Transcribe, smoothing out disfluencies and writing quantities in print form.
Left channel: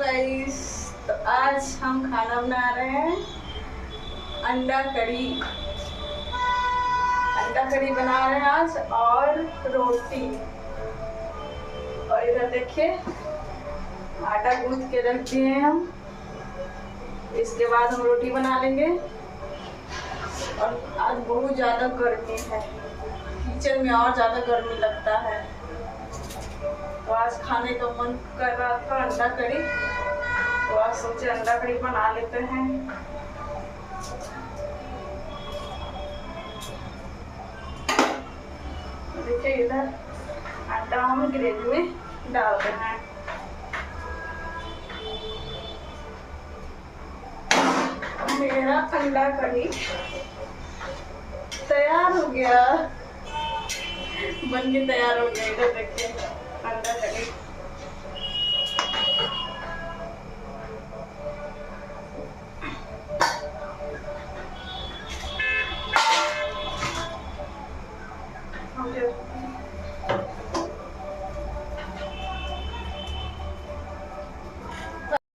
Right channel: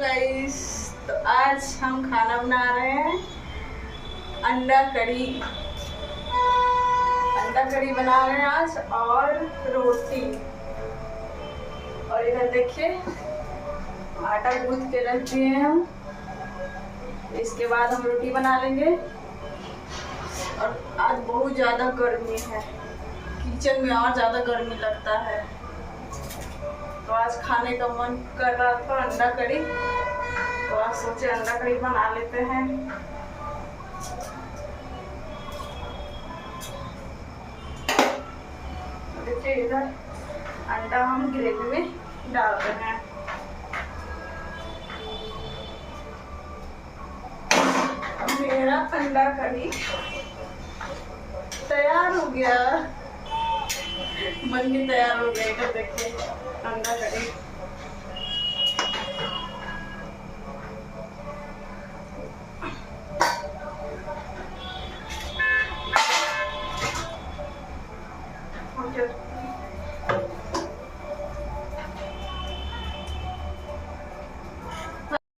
Guys, तो आज हम खाना बना रहे हैं अंडा कढ़ी। अंडा कढ़ी बना रहे हैं आज और रोटी। और इधर देखिए आटा गूंथ के रख दिए हैं हम। इसके बाद हम रोटी बना लेंगे। और आज बहुत ज़्यादा गर्मी है, किचन में और ज़्यादा गर्मी लगता है, तो आज खाने का मन कर रहा था अंडा कढ़ी, तो आज सोचे अंडा कढ़ी बना लेते हैं। देखिए इधर अंडा हम ग्रेवी में डाल रहे हैं। मेरा अंडा कढ़ी तैयार हो गया, बन के तैयार हो गया। इधर देखिए अंडा